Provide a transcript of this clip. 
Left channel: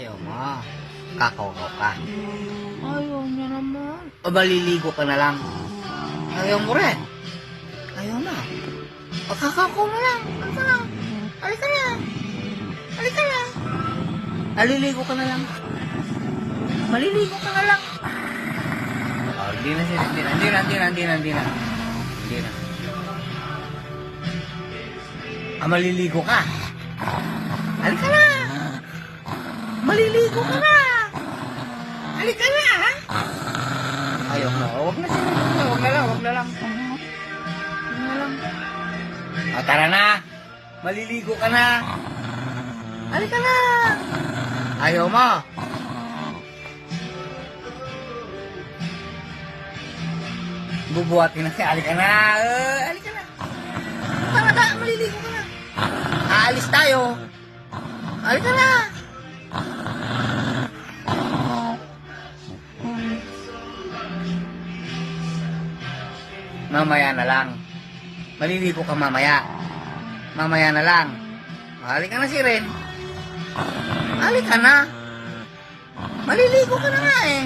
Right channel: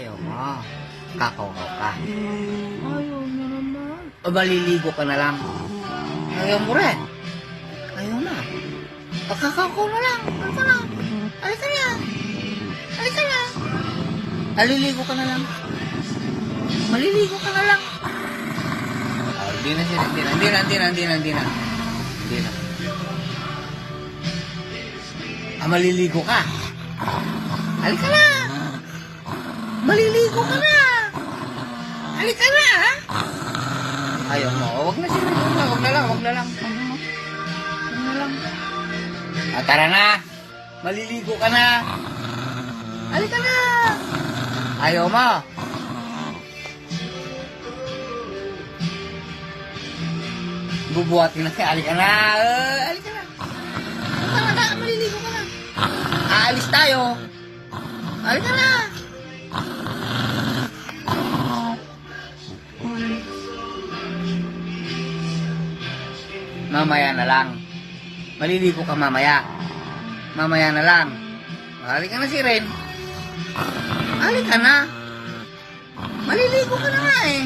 Ayaw mo. Kakaw-kaw ka. Ayaw niya naman. O maliligo ka na lang. Ayaw mo rin. Ayaw na. Pagkakaw na lang. Halika na. Halika na. Halika na. Aliligo ka na lang. Maliligo ka na lang. Hindi na. Maliligo ka. Halika na. Maliligo ka na. Halika na. Ayaw mo. Huwag na sila. Huwag na lang. Tara na. Maliligo ka na. Halika na. Ayaw mo. Bubuhat mo na siya. Halika na. Halika na. Maliligo ka na. Aalis tayo. Halika na. Mamaya na lang. Maliligo ka mamaya. Mamaya na lang. Halika na si Ren. Halika na. Maliligo ka na eh.